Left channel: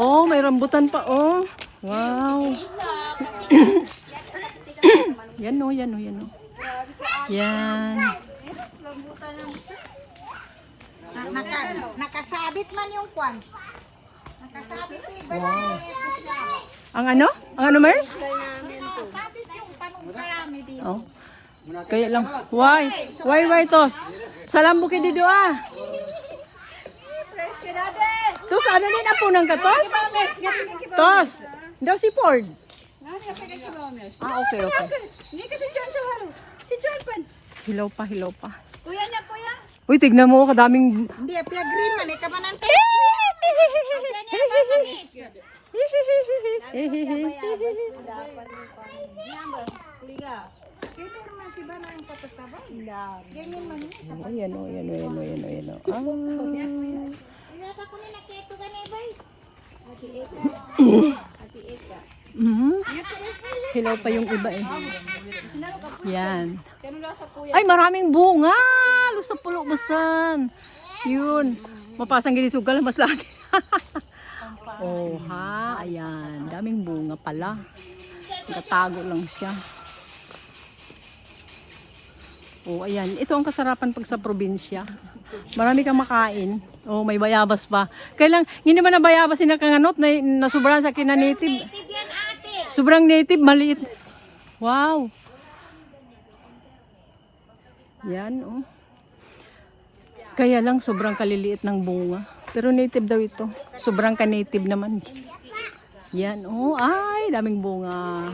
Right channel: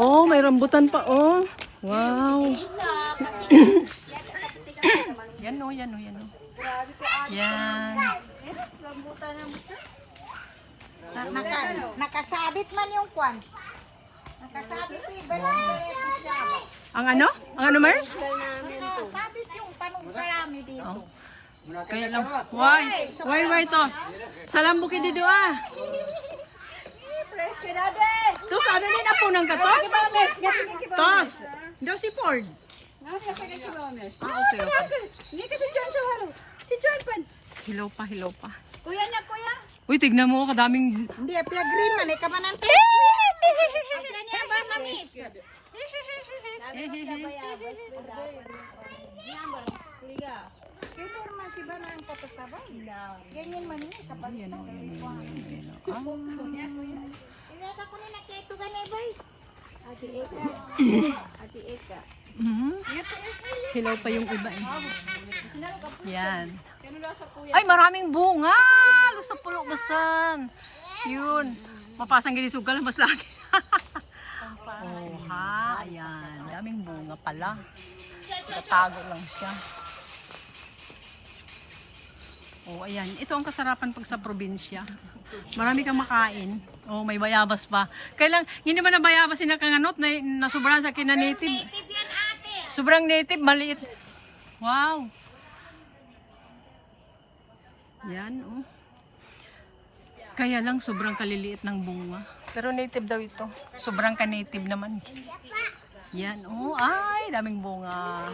Oh, may rambutan pa, oh. Wow. Yan o, yan o, yan o. Yan. Nakasabit man yung kwan. Nakasabit yung Ang ano? Ang ano, Mers? Nakasabit yung panungkarami dito. Oh. Kaya lang. Why, tos? Salam bukid dito, ah. Tos, ano din ang punang ka, tos? Tos. Daw si Ford. Okay. Hindi kasi John sa waro. Si John pan. Hilaw pa. Kuya niya, kuya. Uy, tignan mo, kadaming... Hindi, apya green man. Ikaw man ang apya niya ba manis? Ito naman si Bana ang kapatahan. Yan yung mani. Ayan. Inata ko na nakito ka na, boy. Ati Eka. Hilaw pa yung iba eh. Yan. Ay, maraming bunga. Lusa pulo basan. Yun. Mapasang gilisugal mas lagi. Oh, ha. Ayan. Daming bunga pala. Tago lang siya. Oh, ayan. Ito ang kasarapan pag sa probinsya. Marami kang makain. Oh, may bayabas pa. Kailang, hindi ba na bayabas sinakanganot na sobrang sa kinanative? Sobrang native, maliit. Wow. Yan, oh. Kaya lang, sobrang kaliliit ng bunga. Pero native daw ito. Sobrang ka-native naman. Yan, oh. Ay, daming bunga.